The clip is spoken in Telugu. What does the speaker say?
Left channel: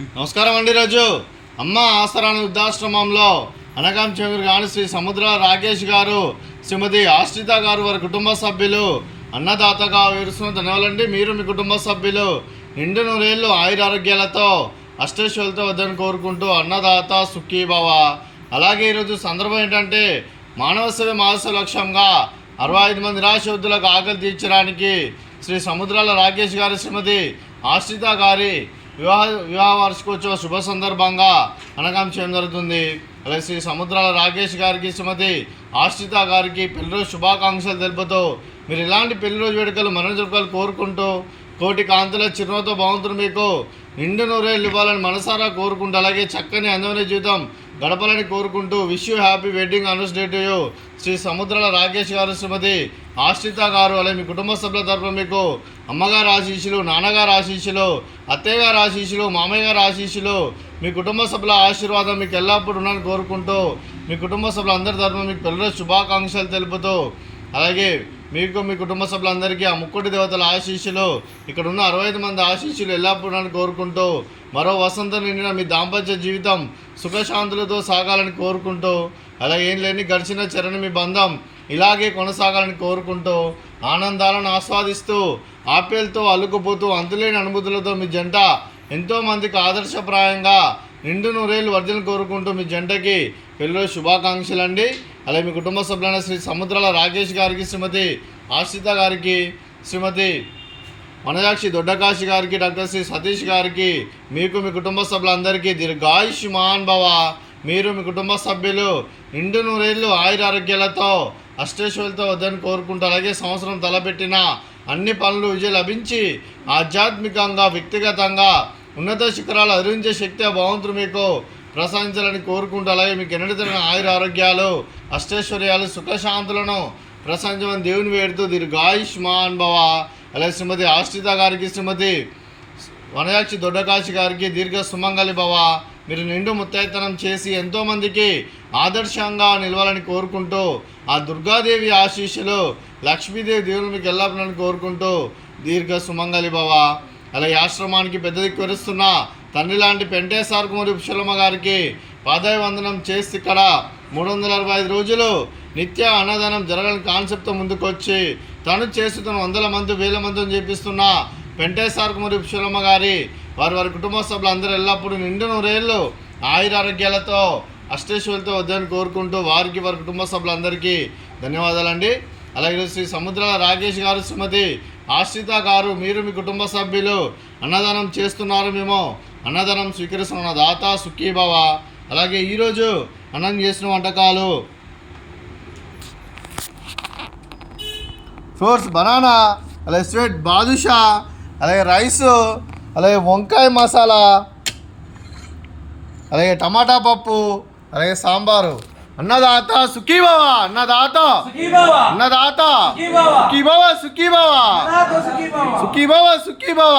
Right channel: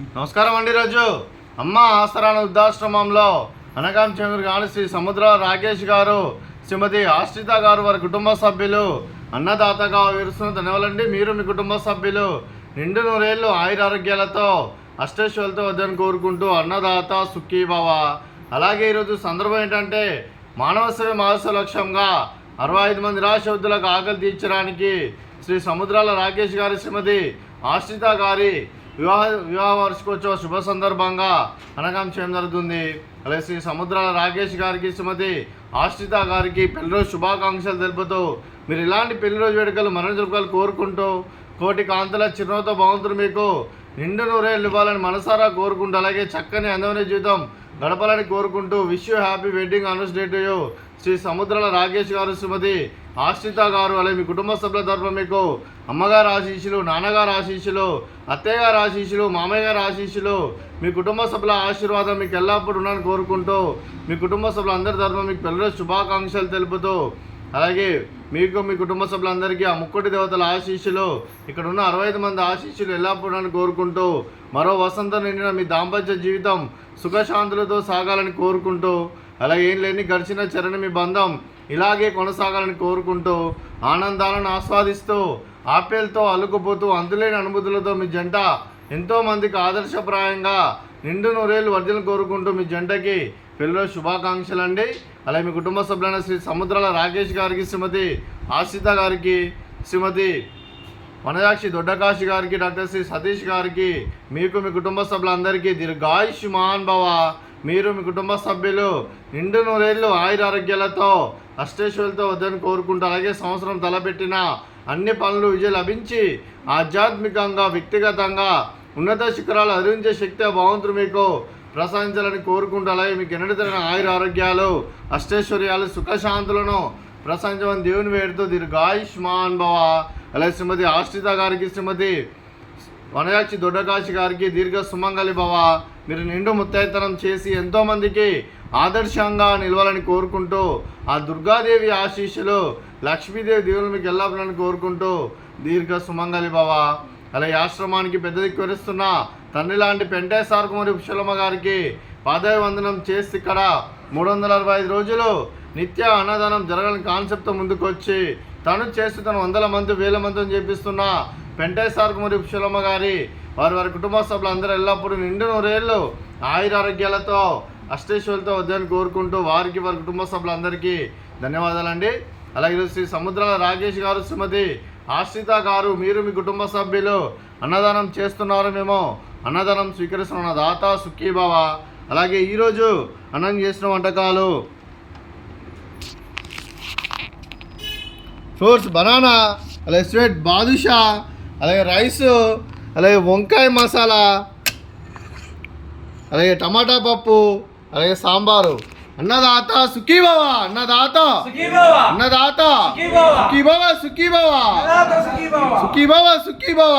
నమస్కారం అండి. రోజు అమ్మ ఆసరాన వృద్ధాశ్రమంలో అనగాం చెంగురు గాని శ్రీ సముద్ర రాకేష్ గారు, శ్రీమతి ఆశ్రిత గారు, వారి కుటుంబ సభ్యులు అన్నదాతగా విరుస్తున్న ధన్యవాదాలండి. మీరు మీ కుటుంబ సభ్యులు నిండు నూరేళ్ళు ఆయురారోగ్యాలతో అష్టైశ్వర్యాలతో వద్దని కోరుకుంటూ అన్నదాత సుఖీ భవ. అలాగే ఈరోజు సందర్భం ఏంటంటే మానవ సేవ మహోత్సవ లక్ష్యంగా 65 మంది నిరాశవృద్ధులకు ఆకలి తీర్చడానికి శ్రీ సముద్రాల రాకేష్ గారి, శ్రీమతి ఆశ్రిత గారి వివాహ వార్షికోత్సవ శుభ సందర్భంగా అనగాం చేయడం జరుగుతుంది. అలాగే శ్రీ సముద్రాల రాకేష్ గారికి, శ్రీమతి ఆశ్రిత గారికి పెళ్లిరోజు శుభాకాంక్షలు తెలుపుతూ మీరు ఇలాంటి పెళ్లిరోజు వేడుకలు మరణ జరుపుకలు కోరుకుంటూ కోటి కాంతుల చిరునవ్వుతో భగవంతుడు మీకు నిండు నూరేళ్ళు ఇవ్వాలని మనసారా కోరుకుంటూ అలాగే చక్కని అందమైన జీవితం గడపాలని కోరుకుంటూ wish you happy wedding anniversary to you. Shri Samudrala Rakesh garu, Shrimati ఆశ్రిత గారు, అలాగే మీ కుటుంబ సభ్యుల తరఫున మీకు అమ్మగారు ఆశీస్సులు, నాన్నగారు ఆశీస్సులు, అత్తయ్య గారు ఆశీస్సులు, మామయ్య గారు ఆశీస్సులు, మీ కుటుంబ సభ్యుల ఆశీర్వాదం మీకు ఎల్లప్పుడూ ఉండాలని కోరుకుంటూ మీ కుటుంబ సభ్యులందరి తరఫున మీకు పెళ్లిరోజు శుభాకాంక్షలు తెలుపుతూ అలాగే మీకు మీ కుటుంబ సభ్యులందరికీ ఆ ముక్కోటి దేవతల ఆశీస్సులు, ఇక్కడ ఉన్న 65 మంది ఆశీస్సులు ఎల్లప్పుడూ కోరుకుంటూ మరో వసంతం నిండిన మీ దాంపత్య జీవితం సుఖశాంతులతో సాగాలని కోరుకుంటూ అలాగే ఏం లేని గడిచిన చెరని మీ బంధం ఇలాగే కొనసాగాలని కోరుకుంటూ ఆనందాలను ఆస్వాదిస్తూ ఆప్యాయలతో అల్లుకుపోతూ అంతులేని అనుభూతులతో మీ జంట ఎంతోమందికి ఆదర్శప్రాయంగా నిండు నూరేళ్ళు వర్ధలను కోరుకుంటూ మీ జంటకి పెళ్లిరోజు శుభాకాంక్షలు అండి. అలాగే మీ కుటుంబ సభ్యులైన శ్రీ సముద్రాల రాకేష్ గారికి, శ్రీమతి ఆశ్రిత గారికి, శ్రీమతి వనజాక్షి దొడ్డకాశి గారికి, డాక్టర్ శ్రీ సతీష్ గారికి, మీకు మీ కుటుంబ సభ్యులందరికీ దీర్ఘాయుష్మాన్ భవ. మీరు మీ కుటుంబ సభ్యులు నిండు నూరేళ్ళు ఆయురారోగ్యాలతో అష్టైశ్వర్యాలతో వద్దని కోరుకుంటూ అలాగే సంవత్సరం తలపెట్టిన అన్ని పనులు విజయం లభించి ఆధ్యాత్మికంగా వ్యక్తిగతంగా ఉన్నత శిఖరాలు అధిరించే శక్తి భగవంతుడు మీకు ప్రసాదించాలని కోరుకుంటూ అలాగే మీకు ఎన్నడతగిన ఆయుర ఆరోగ్యాలు అష్టైశ్వర్యాలు సుఖశాంతులను ప్రసాదించమని దేవుని వేడుతూ దీర్ఘాయుష్మాన్ భవ. అలాగే శ్రీమతి ఆశ్రిత గారికి, శ్రీమతి వనజాక్షి దొడ్డకాశి గారికి దీర్ఘ సుమంగళి భవ. మీరు నిండు ముత్తైతనం చేసి ఎంతోమందికి ఆదర్శంగా నిలవాలని కోరుకుంటూ ఆ దుర్గాదేవి ఆశీస్సులు లక్ష్మీదేవి దేవుని మీకు ఎల్లప్పుడని కోరుకుంటూ దీర్ఘ సుమంగళి భవ. అలాగే ఆశ్రమానికి పెద్ద దిక్కు వరిస్తున్న తండ్రి లాంటి పెంటేశ్వర కుమారి పుష్పలమ్మ గారికి పాదాభివందనం చేసి ఇక్కడ 365 రోజులు నిత్య అన్నదానం జరగాలని కాన్సెప్ట్తో ముందుకొచ్చి తను చేస్తున్న 100 మంది 1000 మందిని చేపిస్తున్న పెంటేశ్వర కుమారి పుష్పలమ్మ గారి వారి కుటుంబ సభ్యులు అందరూ ఎల్లప్పుడూ నిండు నూరేళ్ళు ఆయురారోగ్యాలతో అష్టైశ్వర్యాలతో వద్దని కోరుకుంటూ వారి కుటుంబ సభ్యులందరికీ ధన్యవాదాలండి. అలాగే శ్రీ సముద్రాల రాకేష్ గారు, శ్రీమతి ఆశ్రిత గారు, మీరు మీ కుటుంబ సభ్యులు అన్నదానం చేస్తున్నారు, మేము అన్నదానం స్వీకరిస్తున్న దాత సుఖీ భవ. అలాగే ఈరోజు అన్నం చేసిన వంటకాలు ఫ్రూట్స్ బనానా, అలాగే స్వీట్ బాదుషా, అలాగే రైసు, అలాగే వంకాయ మసాలా, అలాగే టమాటా పప్పు, అలాగే సాంబారు. అన్నదాత సుఖీ భవ, అన్నదాత అన్నదాత సుఖీ భవ, సుఖీ భవ, సుఖీ భవ, సుఖీ భవ.